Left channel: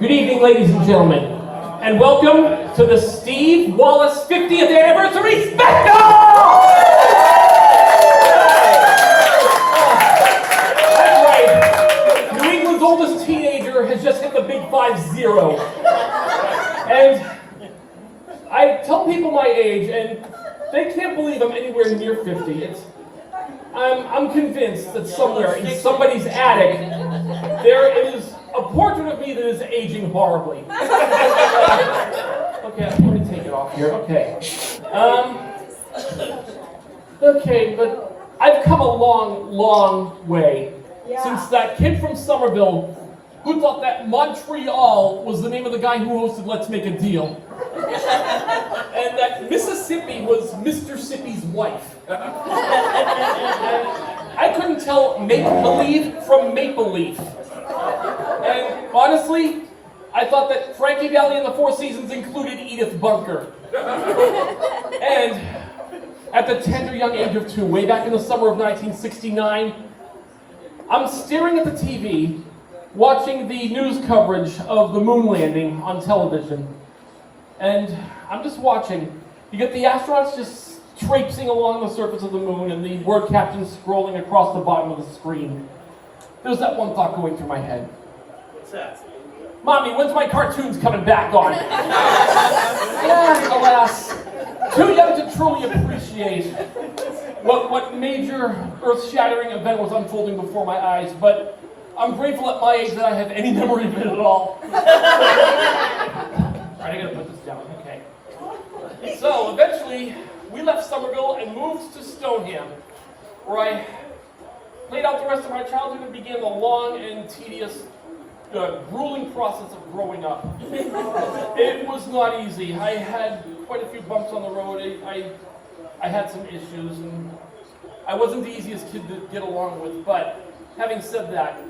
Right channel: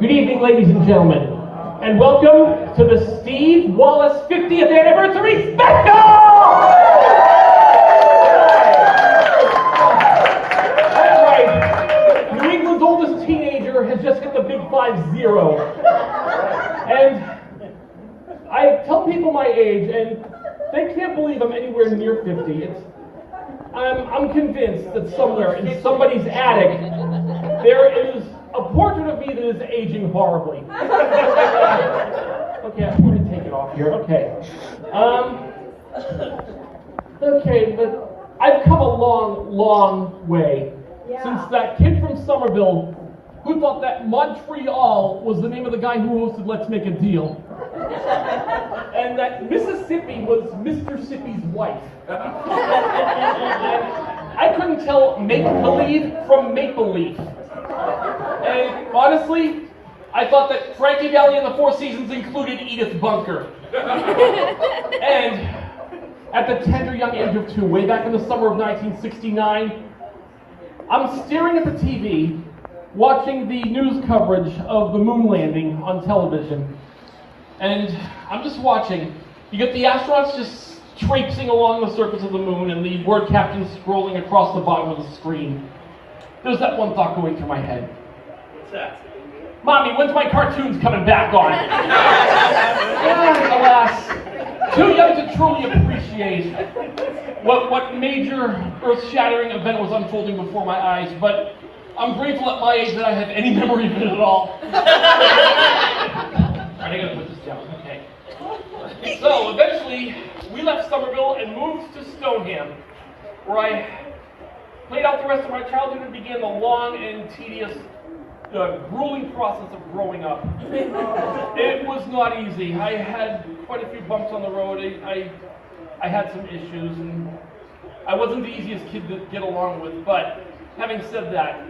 Good evening, ladies and gentlemen, and welcome to the Steve Wallace 50th Anniversary Special! That's right, New England's oldest teenager has just hit the big 5-0. And I tell people my age, and they can't believe I'm anywhere near 50. I'm convinced that somewhere in somebody's attic, there is a portrait of me that is aging horribly. Okay, I'm going to take it off here. Okay. Okay, but I've come a long, long way since that kid from Somerville who thought that Montreal was the name of the guy who hosted Let's Make a Deal. And that Mississippi was Mr. Sippy's wife. I couldn't tell make-believe from maple-leaf. And honestly, I thought that Frankie Valli and the Four Seasons included Edith Bunker. And at the tender young age of 2, way back in the summer of 1969, I'm staring at the TV, watching the news coverage of the moon landing on television. And I'm just watching. You get the astronauts just traipsing along the surface of the moon and the word captions scrolling across the bottom of the screen. There's that one thought going through my head. What's that? Mommy, when's my cartoons coming back on? Alas, too young to truly appreciate what major earth-shattering event was unfolding before my eyes, but I'm grateful at my age that I have any memory of it at all. Alright, I gotta put this down, okay. So, eventually, we left Somerville and moved to Stoneham, where I played out the rest of my childhood and began the long and tedious, grueling process of growing up. It was not easy. I had quite a few bumps on the road. I had some issues, and I wasn't the easiest kid to get along with, but having said that,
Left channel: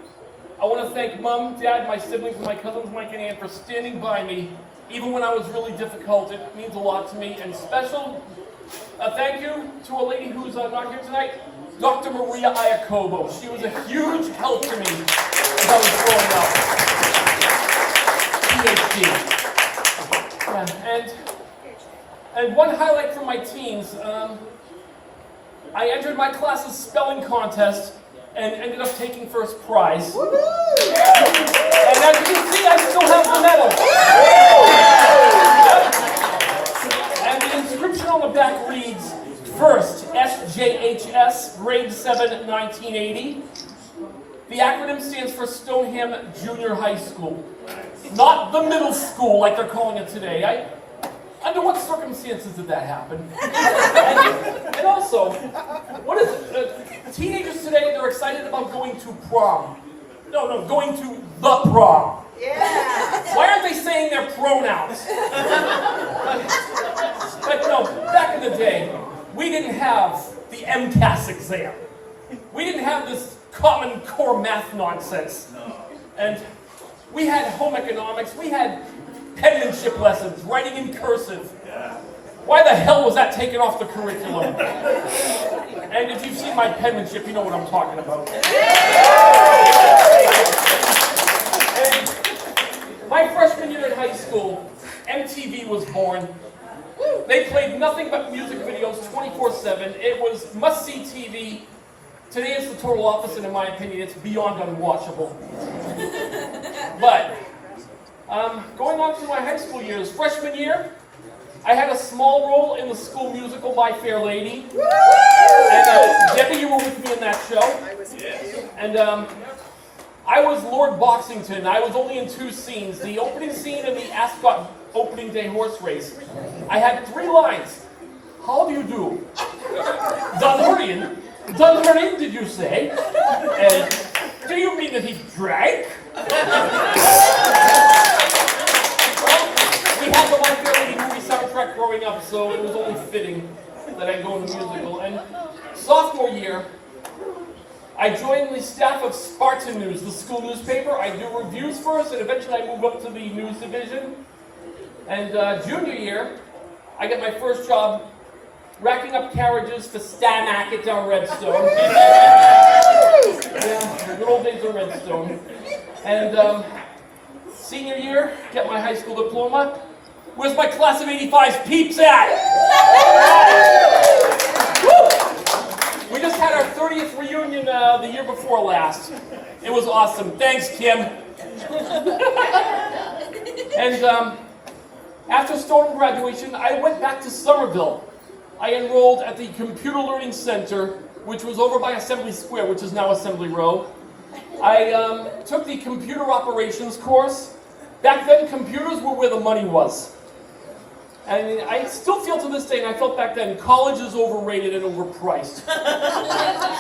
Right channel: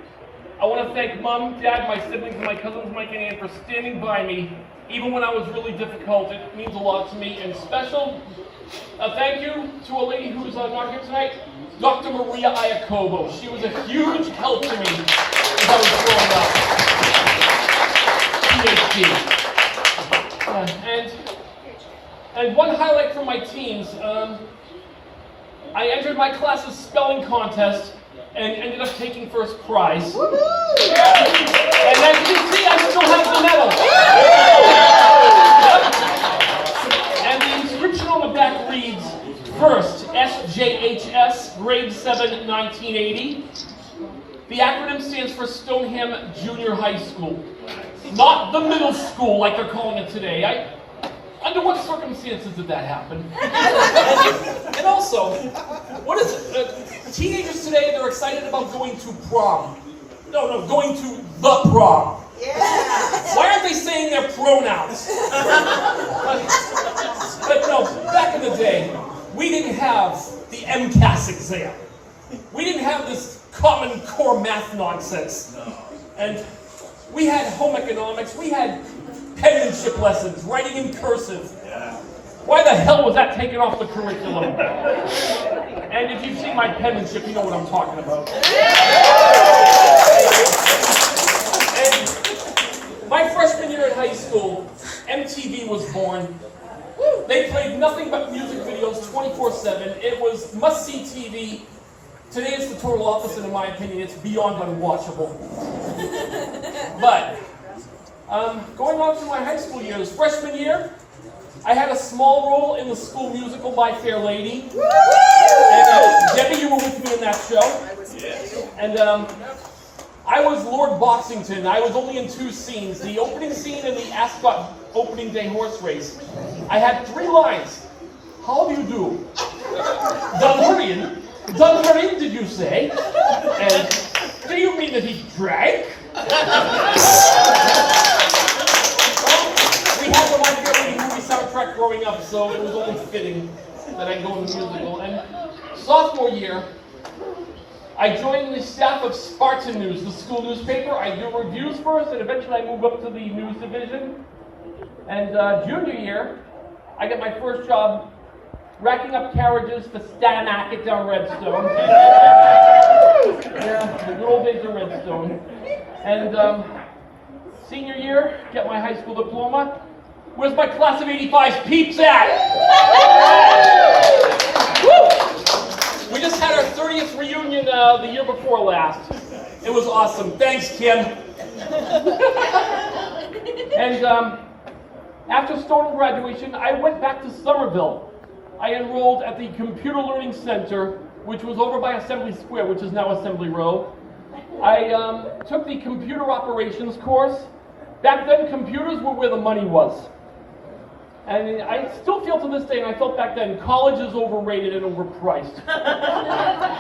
I want to thank Mom, Dad, my siblings, and my cousins Mike and Ann for standing by me, even when I was really difficult. It means a lot to me, and special thank you to a lady who's not here tonight, Dr. Maria Iacobo. She was a huge help to me as I was growing up. PhD. And one highlight from my teens, I entered my class's spelling contest and ended up taking first prize. And as you can see, I still have the medal. Yep. And the inscription on the back reads, First, SJHS, grade 7, 1980. The acronym stands for Stoneham Junior High School. Not the middle school like they're calling it today. Under what circumstances did that happen? And also, what is it? Teenagers today, they're excited about going to prom. No, going to the prom. Yeah. Why aren't they saying their pronouns? But no, back in the day, we didn't have the MCAS exam. We didn't have this Common Core math nonsense. No. And we had home economics, we had penmanship lessons, writing in cursive. Yeah. Why the hell was that taken off the curriculum? And if you've seen my penmanship, you know what I'm talking about. And my freshman year in high school, MTV was born. They played nothing but music videos 24/7. It was must-see TV. Today it's the total opposite, in my opinion. It's beyond unwatchable. But going on through my high school years, freshman year, I had a small role in the school musical My Fair Lady. And Debbie, you were with me in that show. And I was Lord Boxington. I was only in 2 scenes, the opening scene and the Ascot opening day horse race. I had 3 lines. How do you do? Dunhurrian, did you say? And do you mean that he drank? We had the My Fair Lady movie soundtrack growing up, so it was only fitting that I go in the musical. And sophomore year, I joined the staff of Spartan News, the school newspaper. I do reviews first, and eventually I move up to the news division. And junior year, I get my first job racking up carriages for Stamac down Redstone. Yeah, the good old days of Redstone. And Senior year, get my high school diploma. Where's my class of 85's peeps at? Woo! We just had our 30th reunion the year before last. It was awesome. Thanks, Kim. And after Stoneham graduation, I went back to Somerville. I enrolled at the Computer Learning Center, which was over by Assembly Square, which is now Assembly Row. I took the computer operations course. Back then, computers were where the money was. And I still feel to this day, and I felt back then, college is overrated and overpriced.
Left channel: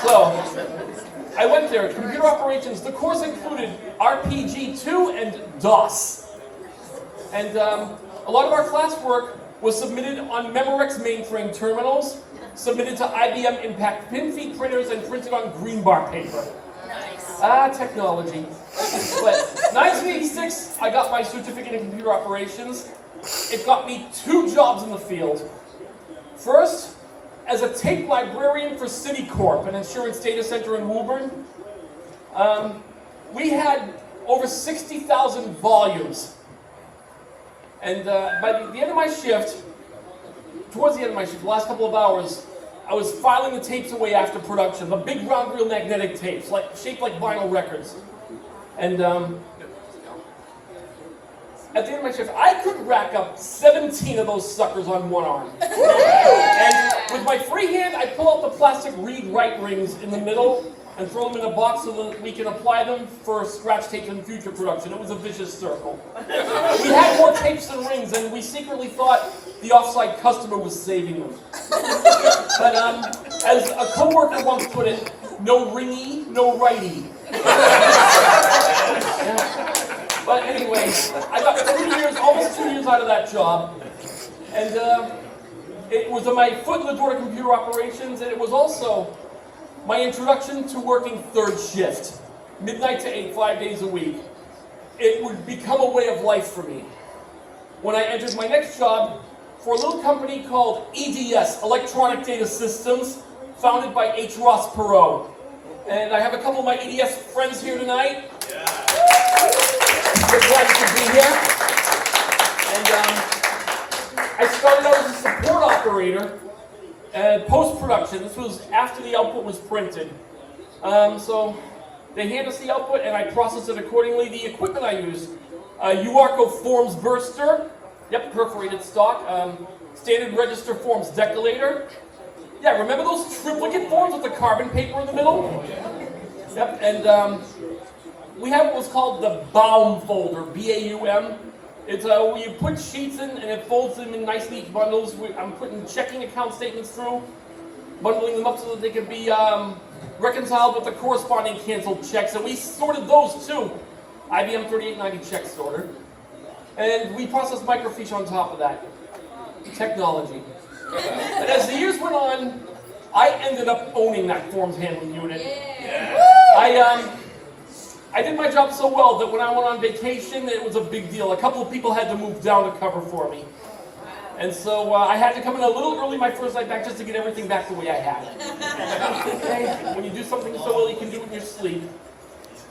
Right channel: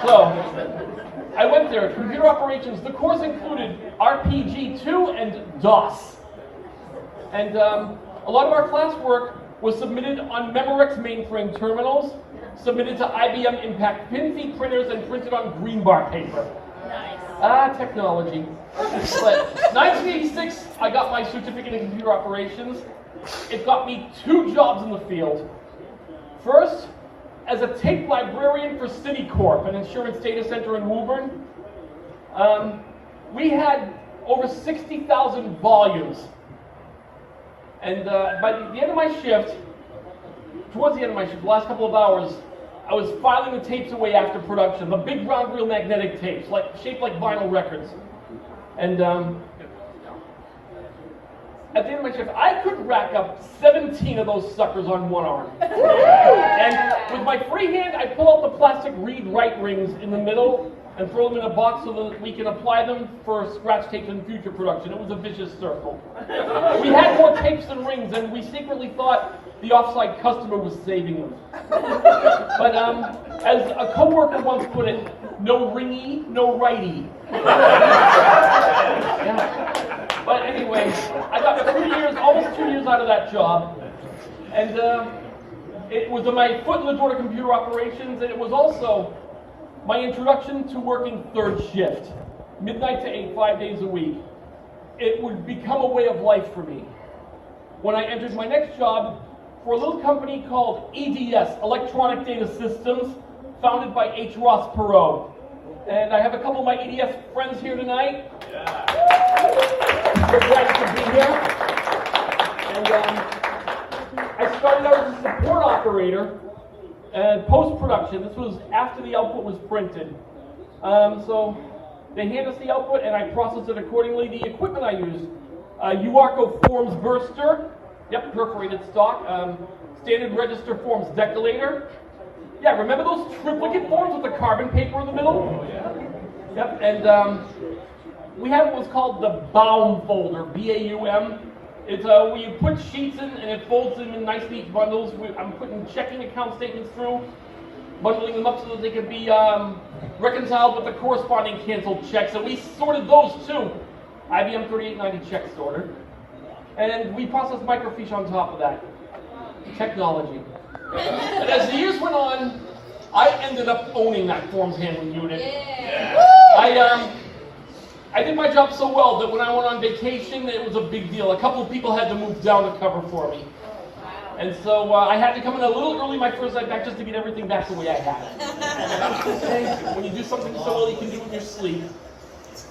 So, I went there, computer operations. The course included RPG-2 and DOS. And a lot of our classwork was submitted on Memorex mainframe terminals, submitted to IBM Impact pin feed printers, and printed on green bar paper. Nice. Technology. But 1986, I got my certificate in computer operations. It got me 2 jobs in the field. First, as a tape librarian for Citicorp, an insurance data center in Woburn. We had over 60,000 volumes. And by the end of my shift, towards the end of my shift, the last couple of hours, I was filing the tapes away after production, the big round reel magnetic tapes, shaped like vinyl records. And at the end of my shift, I could rack up 17 of those suckers on one arm. And with my free hand, I pull out the plastic read-write rings in the middle and throw them in a box so that we can apply them for scratch tapes in future production. It was a vicious circle. We had more tapes than rings, and we secretly thought the offside customer was saving them. But as a coworker once put it, no ringy, no righty. Yeah. But anyway, I got 2 years, almost 2 years out of that job. And it was my foot in the door to computer operations, and it was also my introduction to working third shift, midnight to 8, 5 days a week. It would become a way of life for me. When I entered my next job for a little company called EDS, Electronic Data Systems, founded by H. Ross Perot. And I have a couple of my EDS friends here tonight. Yeah. We're glad to be here. And I started out as a support operator and post-production. This was after the output was printed. So they hand us the output and I process it accordingly. The equipment I use, UARCO Forms Burster, yep, perforated stock, standard register forms decollator. Yeah, remember those triplicate forms with the carbon paper in the middle? Yep, and we have what was called the Baum folder, B-A-U-M. It's where you put sheets in and it folds them in nice neat bundles. I'm putting checking account statements through, bundling them up so that they can be reconciled with the corresponding canceled checks. And we sorted those too. IBM 3890 check sorter. And we processed microfiche on top of that. Technology. And as the years went on, I ended up owning that forms handling unit. Yeah. I did my job so well that when I went on vacation, it was a big deal. A couple of people had to move down to cover for me. And so I had to come in a little early my first night back just to get everything back the way I had it. Okay? When you do something so well, you can do it in your sleep.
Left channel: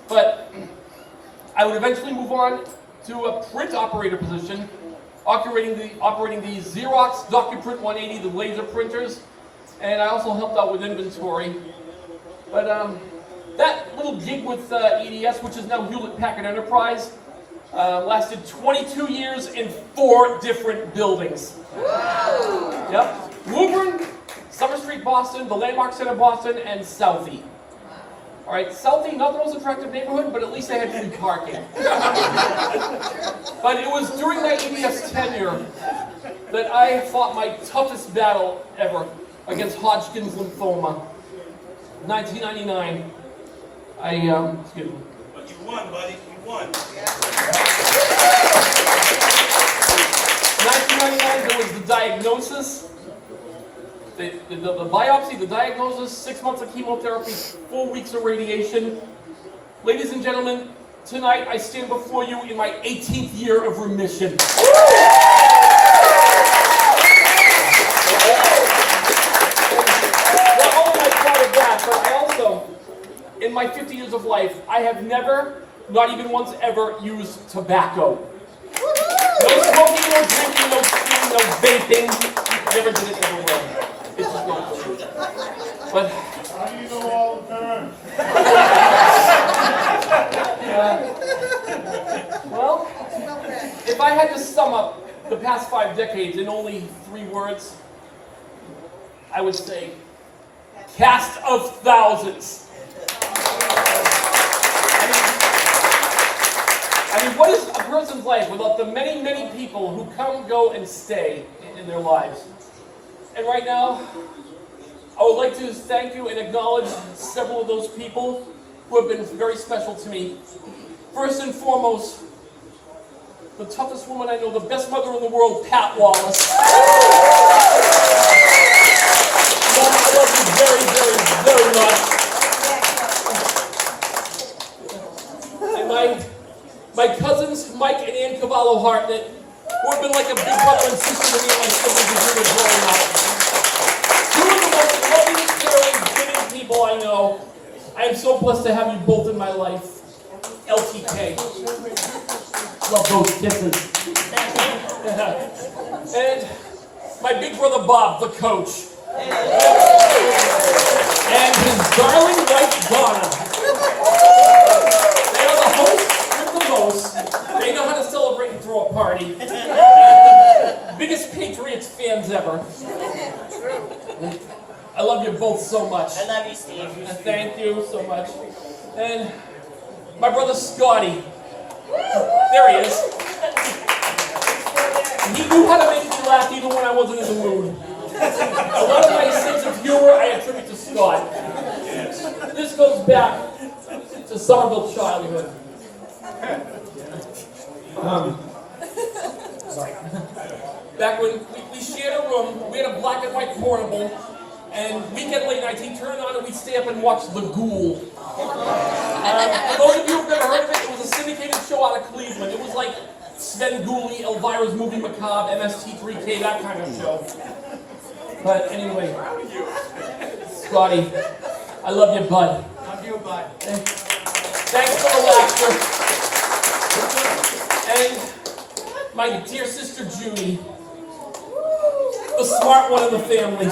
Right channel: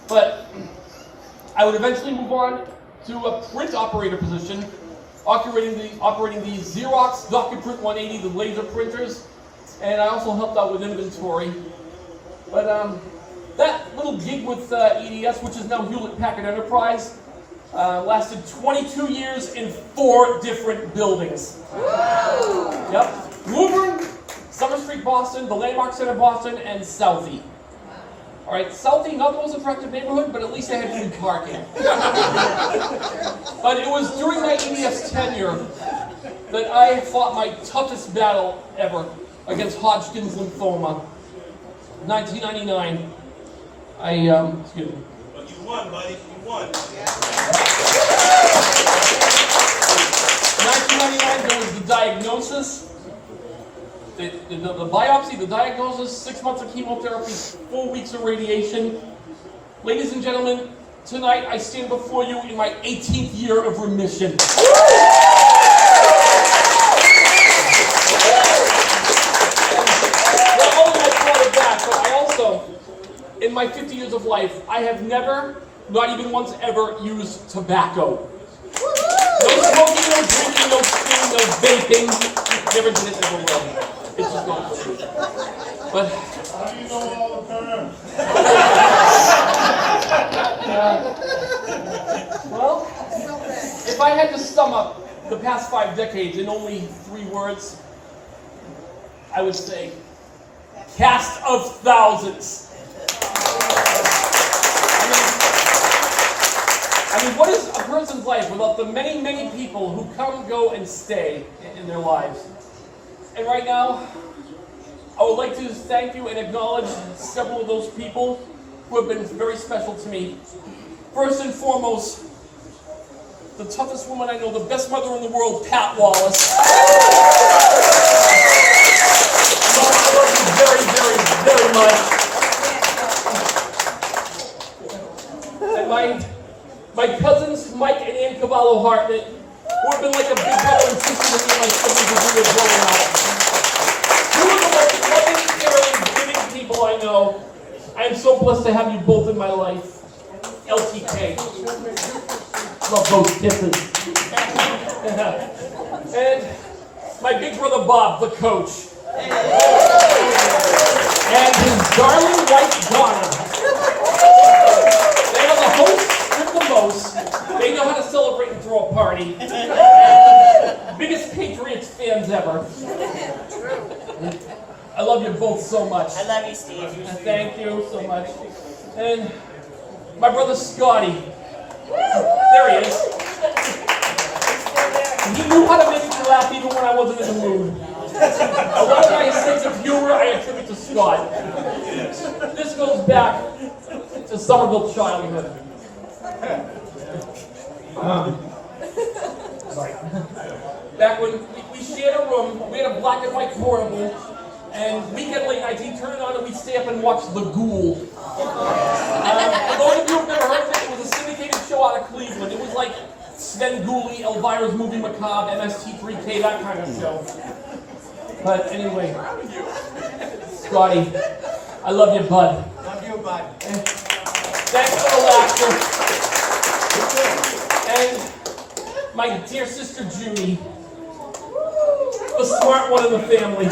But I would eventually move on to a print operator position, operating the Xerox DocuPrint 180, the laser printers, and I also helped out with inventory. But that little gig with EDS, which is now Hewlett-Packard Enterprise, lasted 22 years in 4 different buildings. Yep, Woburn, Summer Street, Boston, the Landmark Center, Boston, and Southie. All right, Southie, not the most attractive neighborhood, but at least they had good parking. But it was during my EDS tenure that I fought my toughest battle ever against Hodgkin's lymphoma. 1999. Excuse me. But you won, buddy. You won. 1999, there was the diagnosis. The biopsy, the diagnosis, 6 months of chemotherapy, 4 weeks of radiation. Ladies and gentlemen, tonight I stand before you in my 18th year of remission. Not only am I proud of that, but also in my 50 years of life, I have never not even once ever used tobacco. No smoking, no drinking, no stealing, no vaping. Never did it, never will. It's just not true. But How do you know all the terms? well, if I had to sum up the past 5 decades in only 3 words, I would say cast of thousands. I mean, what is a person's life without the many, many people who come, go, and stay in their lives? And right now, I would like to thank you and acknowledge several of those people who have been very special to me. First and foremost, the toughest woman I know, the best mother in the world, Pat Wallace. I love you very, very, very much. And my cousins, Mike and Ann Cavallo Hartnett, who have been like a big brother and sister to me and my siblings as we were growing up. Two of the most loving, caring, giving people I know. I am so blessed to have you both in my life. LTK. Love those kisses. And my big brother Bob, the coach. And his darling wife Donna. They are the hosts with the most. They know how to celebrate and throw a party. Biggest Patriots fans ever. I love you both so much. I love you, Steve. Thank you so much. And my brother Scotty. There he is. He knew how to make me laugh even when I wasn't in the mood. A lot of my sense of humor I attribute to Scott. This goes back to Somerville childhood. Sorry. Back when we shared a room, we had a black and white portable, and weekend late nights, he'd turn it on and we'd stay up and watch The Ghoul. For those of you who've never heard of it, it was a syndicated show out of Cleveland. It was like Sven Gulli, Elvira's Movie Macabre, MST3K, that kind of show. But anyway, Scotty, I love you, bud. Love you, bud. Thanks for the laughter. And my dear sister Judy, the smart one in the family.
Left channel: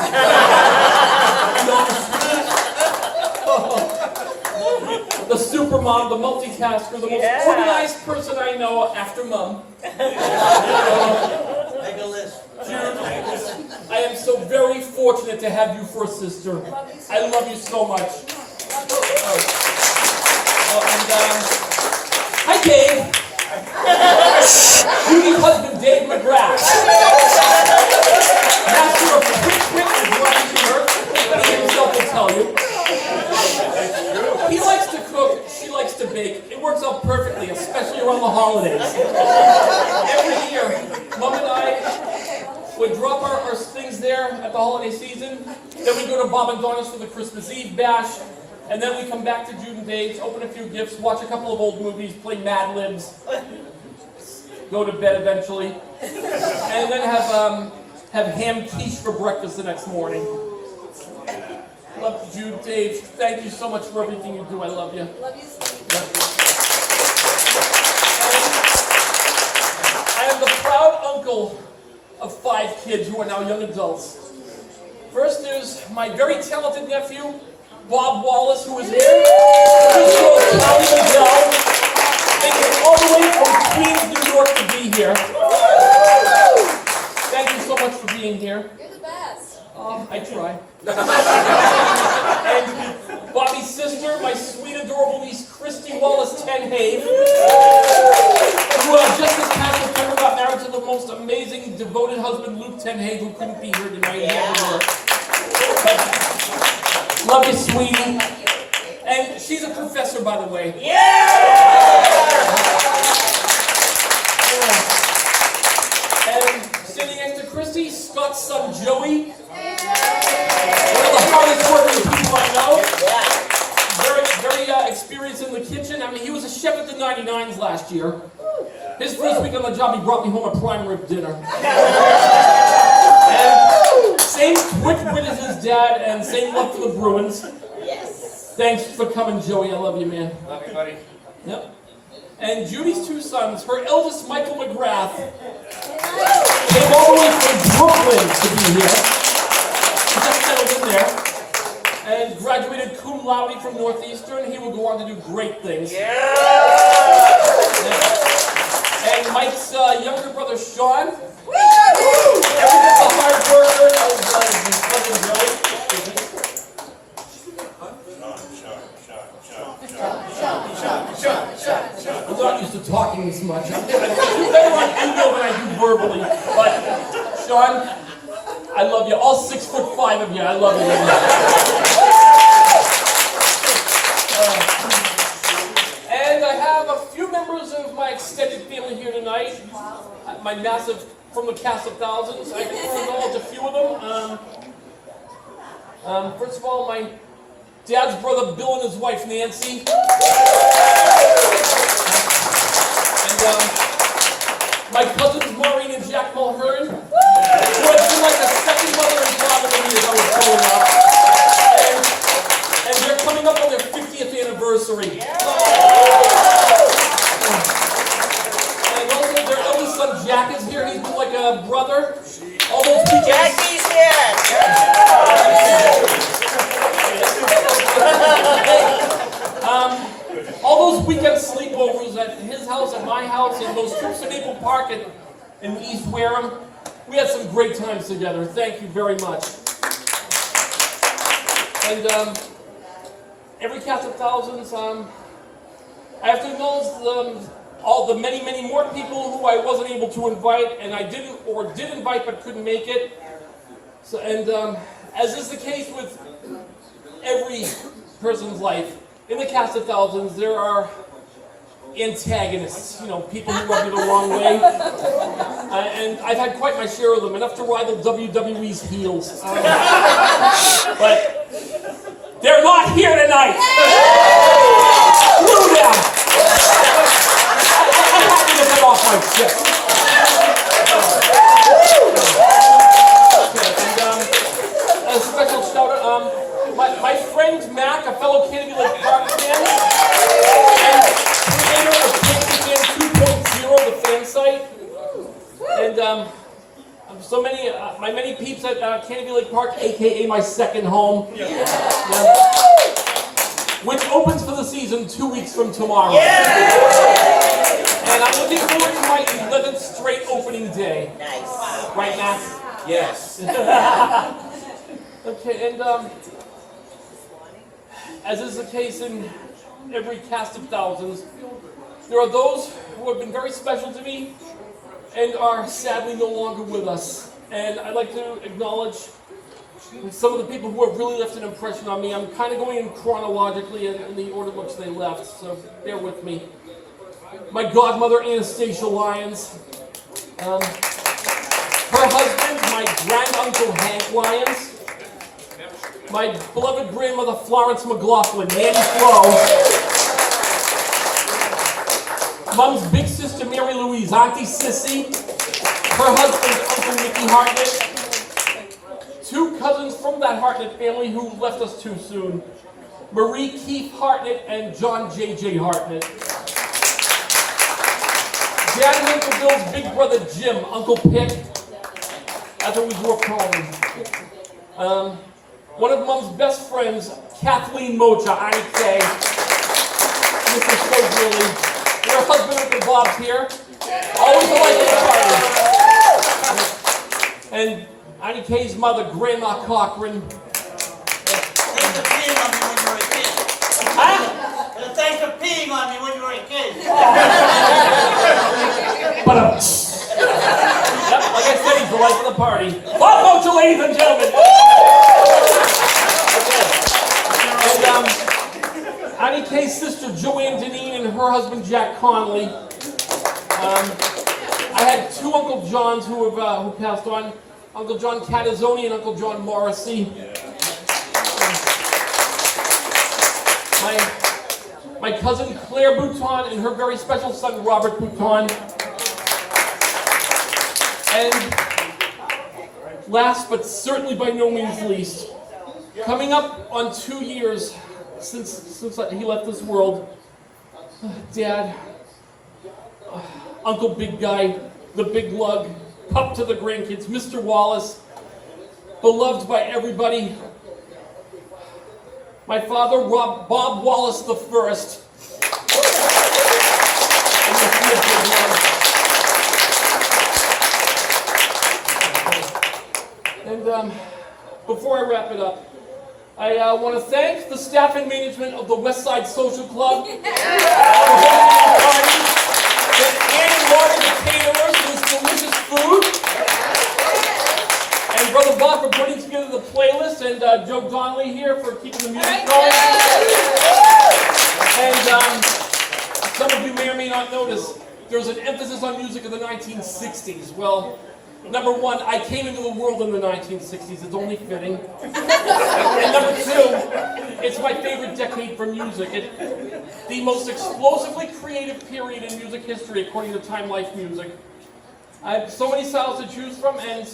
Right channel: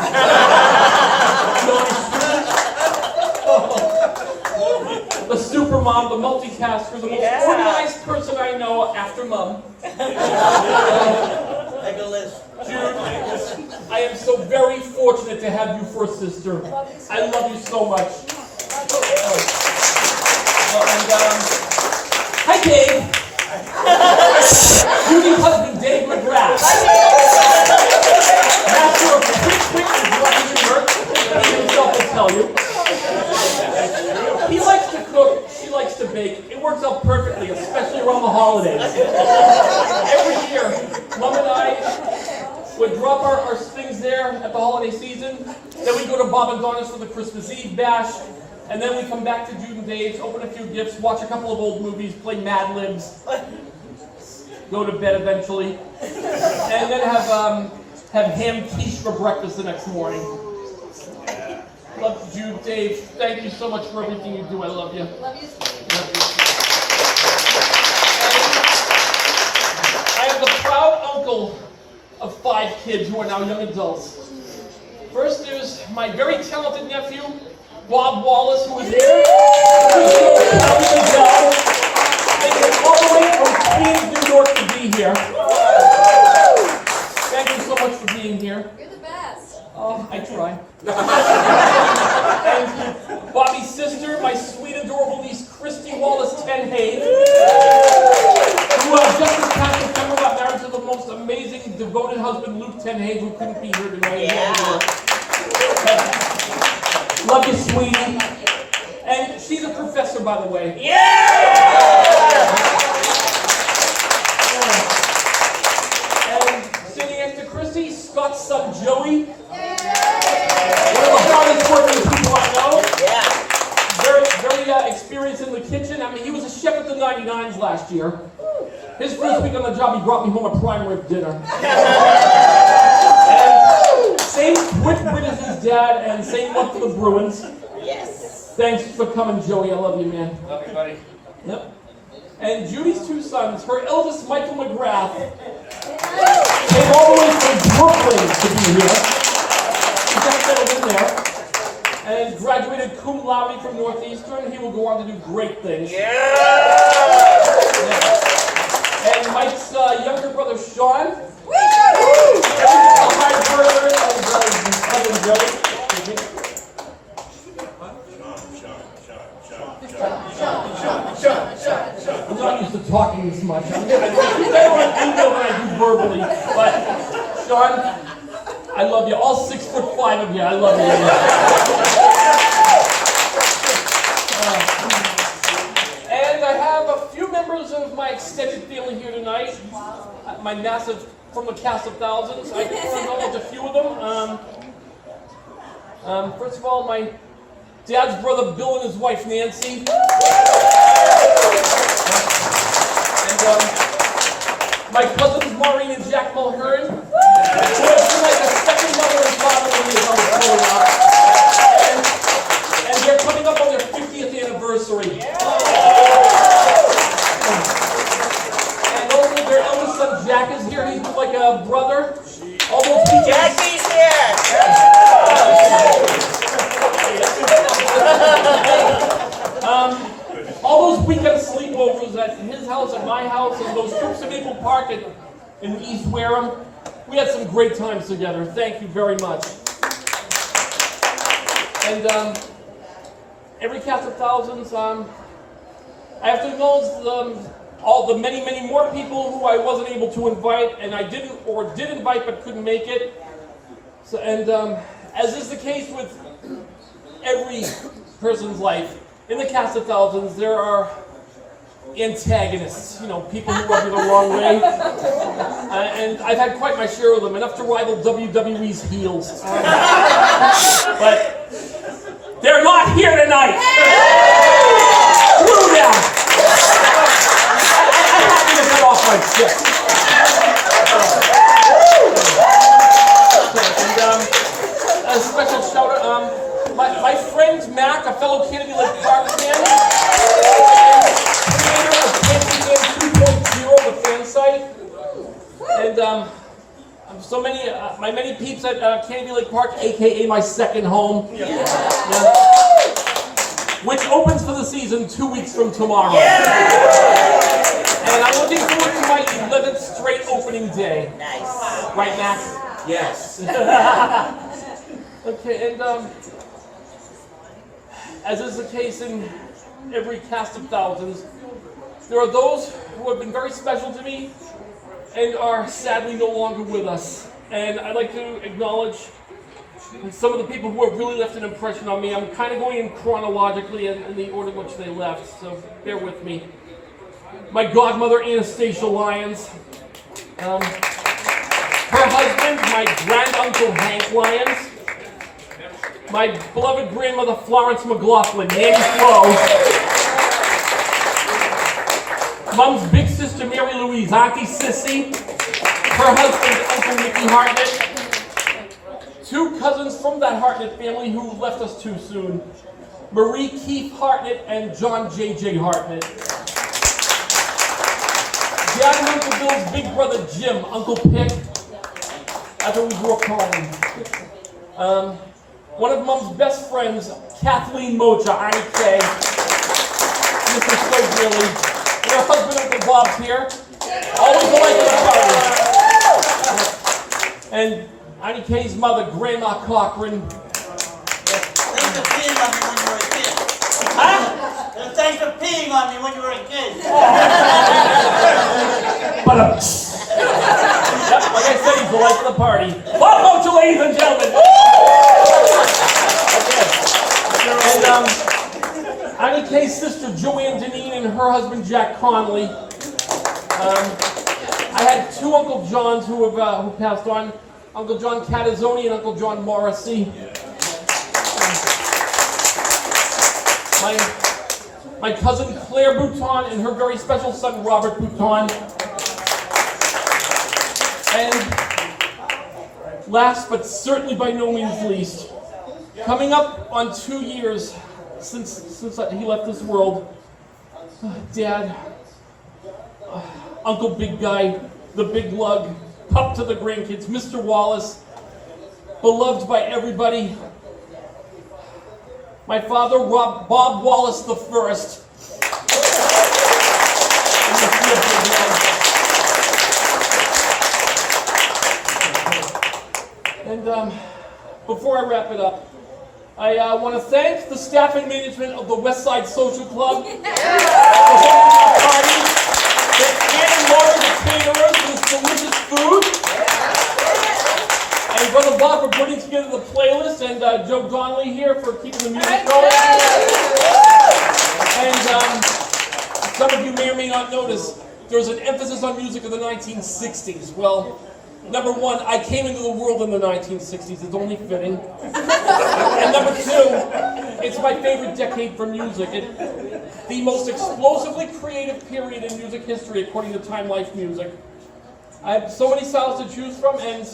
The super mom, the multitasker, the most organized person I know after mom. Make a list. Jude, I am so very fortunate to have you for a sister. I love you so much. Hi, Dave. Judy's husband, Dave McGrath. Master of quick and blind and work. He himself will tell you. He likes to cook, she likes to bake. It works out perfectly, especially around the holidays. Every year, Mom and I would drop our things there at the holiday season. Then we go to Bob and Donna's for the Christmas Eve bash. And then we come back to Jude and Dave's, open a few gifts, watch a couple of old movies, play Mad Libs, go to bed eventually, and then have ham quiche for breakfast the next morning. Love you, Jude, Dave. Thank you so much for everything you do. I love you. Love you. I am the proud uncle of 5 kids who are now young adults. First, there's my very talented nephew, Bob Wallace, who is here. They came all the way from Queens, New York to be here. Thank you so much for being here. You're the best. I try. And Bobby's sister, my sweet, adorable niece, Christy Wallace Tenhave, who just this past September got married to the most amazing, devoted husband, Luke Tenhave, who couldn't be here tonight. Love you, sweetie. And she's a professor, by the way. And sitting next to Christy, Scott's son, Joey. One of the hardest working people I know. Very experienced in the kitchen. I mean, he was a chef at the 99s last year. His first week on the job, he brought me home a prime rib dinner. And same quick wit as his dad, and same love for the Bruins. Yes. Thanks for coming, Joey. I love you, man. Love you, buddy. Yep. And Judy's two sons, her eldest, Michael McGrath, came all the way from Brooklyn to be here. He just settled in there. And graduated cum laude from Northeastern. He will go on to do great things. Yeah! And Mike's younger brother, Sean. The hard burger of Southern Joey. I'm not used to talking this much. I'm better on email than I do verbally. But, Sean, I love you. All 6'5" of you. I love you. And I have a few members of my extended family here tonight. My massive, from the cast of thousands. I just want to acknowledge a few of them. First of all, my dad's brother Bill and his wife Nancy. And my cousins Maureen and Jack Mulhern. Who have been like a second mother and father to me as I was growing up. And they're coming up on their 50th anniversary. And also their eldest son Jack is here. He's like a brother. All those people. Jackie's here! All those weekend sleepovers at his house, at my house, and those trips to Maple Park in East Wareham, we had some great times together. Thank you very much. And every cast of thousands, I have to acknowledge all the many, many more people who I wasn't able to invite, and I did invite but couldn't make it. So, and as is the case with every person's life, in the cast of thousands, there are antagonists, people who rub you the wrong way. And I've had quite my share of them, enough to rival WWE's heels. But they're not here tonight! Screw them! I had to get that off my chest. Okay, and a special shout out, my friend Mac, a fellow Kennedy Lake Park fan, and creator of Kennedy Fan 2.0, the fan site. And so many, my many peeps at Kennedy Lake Park, aka my second home. Yeah. Which opens for the season 2 weeks from tomorrow. And I'm looking forward to my 11th straight opening day. Nice. Right, Mac? Yes. Okay, and as is the case in every cast of thousands, there are those who have been very special to me and are sadly no longer with us. And I'd like to acknowledge some of the people who have really left an impression on me. I'm kind of going in chronologically in the order in which they left, so bear with me. My godmother, Anastasia Lyons. Her husband, my granduncle, Hank Lyons. My beloved grandmother, Florence McLaughlin, Nanny Flo. Mom's big sister, Mary Louise, Auntie Sissy. Her husband, Uncle Mickey Hartnett. Two cousins from that Hartnett family who left us too soon. Marie Keith Hartnett and John J.J. Hartnett. Dad and Uncle Bill's big brother, Jim, Uncle Pick. That's what we grew up calling him. One of Mom's best friends, Kathleen Mocha, Annie K. Mrs. So dearly. And her husband, Uncle Bob's here. Always the life of the party. And Annie K's mother, Grandma Cochran. Thanks for peeing on me when you were a kid. Huh? Thanks for peeing on me when you were a kid. But yep, like I said, he's the life of the party. Bob Mocha, ladies and gentlemen. And Annie K's sister, Joanne Deneen, and her husband, Jack Conley. I had two Uncle Johns who passed on. Uncle John Catazzoni and Uncle John Morrissey. My cousin Claire Bouton and her very special son Robert Bouton. And last but certainly by no means least, coming up on 2 years since he left this world, Dad, Uncle Big Guy, the Big Lug, Pup to the grandkids, Mr. Wallace, beloved by everybody. My father, Bob Wallace the First. And before I wrap it up, I want to thank the staff and management of the Westside Social Club for hosting the party. Thank Ann and Laura, the caterers, for this delicious food. And Brother Bob for putting together the playlist, and Joe Donnelly here for keeping the music going. And some of you may or may not notice, there's an emphasis on music of the 1960s. Well, number one, I came into the world in the 1960s. It's only fitting. And number two, it's my favorite decade for music. It's the most explosively creative period in music history, according to Time Life Music. I have so many styles to choose from, and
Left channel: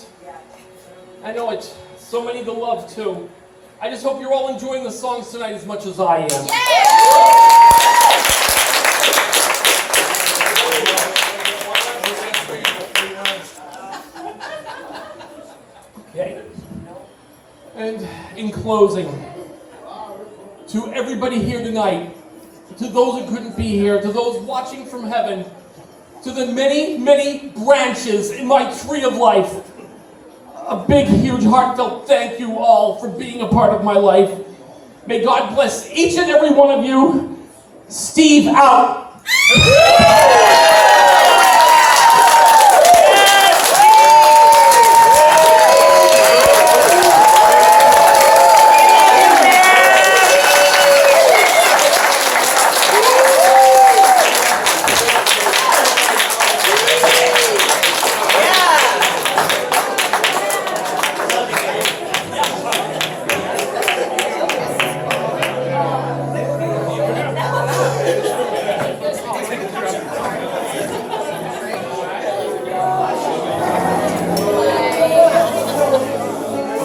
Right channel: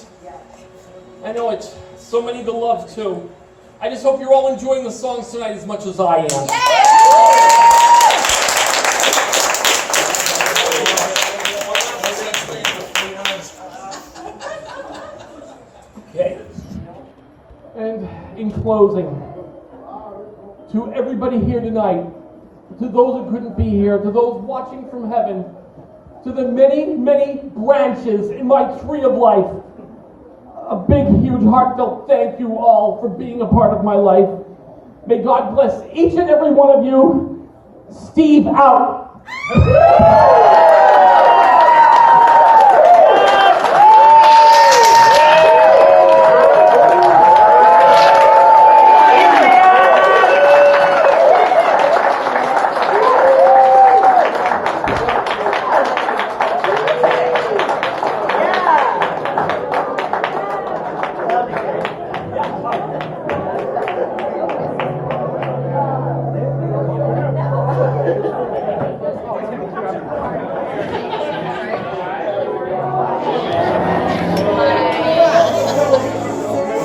I know it's so many to love, too. I just hope you're all enjoying the songs tonight as much as I am. Okay. And in closing, to everybody here tonight, to those who couldn't be here, to those watching from heaven, to the many, many branches in my tree of life, a big, huge, heartfelt thank you all for being a part of my life. May God bless each and every one of you. Steve out.